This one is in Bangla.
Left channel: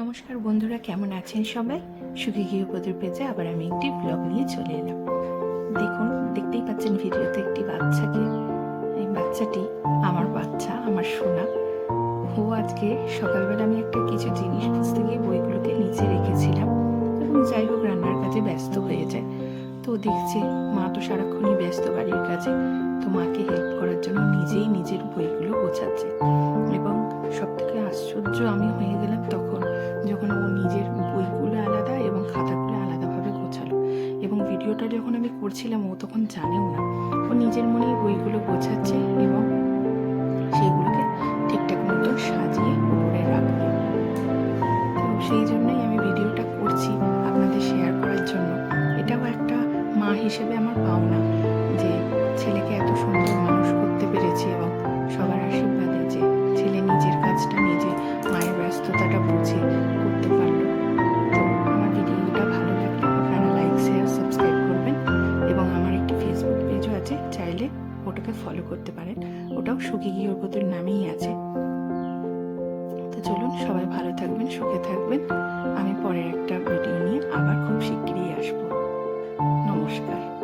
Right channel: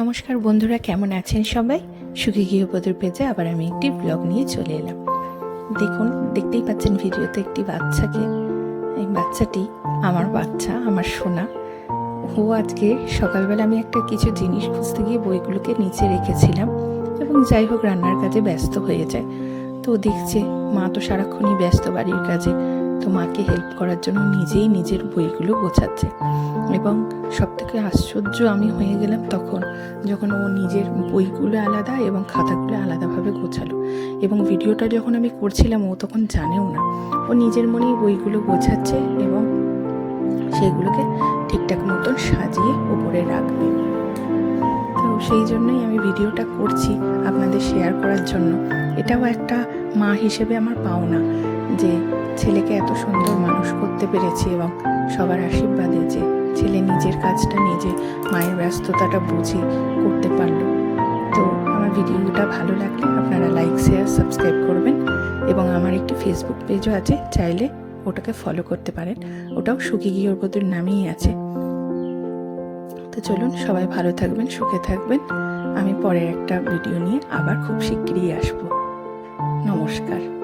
নমস্কার বন্ধুরা, কেমন আছেন সবাই? সুখী গৃহবধূর পেজে আবার আমি একটি ব্লগ নিয়ে চলে এলাম। দেখুন, দেখতেই পাচ্ছেন ভিডিওতে একটি বাচ্চাকে। এই বাচ্চাটি আমার বাচ্চা, আমার সোনা। ও আজকে সকালবেলা আমি একটা কিছু জিনিস খুঁজতে গিয়ে বইগুলোকে নিচে রেখেছিলাম এবং যাই হোক, রান্নার কাজে ব্যস্ত হয়ে যায়। তো দেখছে, মা তো সারাক্ষণই ব্যস্ত বাড়ির কাজে। তো মাকে হেল্প করার জন্য নিজেই নিজের বইগুলো গোছাচ্ছে। এবং সব থেকে আশ্চর্য আমি হয়ে গেলাম তখন, যখন ও নিজের বইগুলো আলাদা এবং খাতাগুলো আলাদাভাবে গোছালো। এবং ভিডিওটা যখন আমি করছিলাম, ও তখন জানেও না। ও নিজের মনেই বইগুলো গোছাচ্ছে এবং সেগুলোকে ঠিকঠাক মতন সাজিয়ে উপরে রাখবে তো সেই জন্যই আমি ভিডিওটা করছি আপনাদের শেয়ার করার জন্য। এটাও একটা মা হিসেবে আমার পাওনা। যে ছেলেকে এত সুন্দর মানুষ করতে পেরেছি এবং সবার আশীর্বাদে যে ছেলে নিজের কাজটা নিজে মায়ের ব্যস্ততাটা বুঝে করতে পারল। তো আমার ভিডিওটা ভালো লাগলে আপনারা লাইক শেয়ার সাবস্ক্রাইব করবেন এবং আমার একটি ফেসবুক পেজও আছে, চাইলে ওটাকে ফলো করতে পারেন। ওটাও সুখী গৃহবধূর নামেই আছে। তো চলুন সবাই ভালো থাকবেন, সুখে থাকবেন। আমি পরের একটা ভিডিও নিয়ে আবার খুব শিগগিরই আসব। নমস্কার।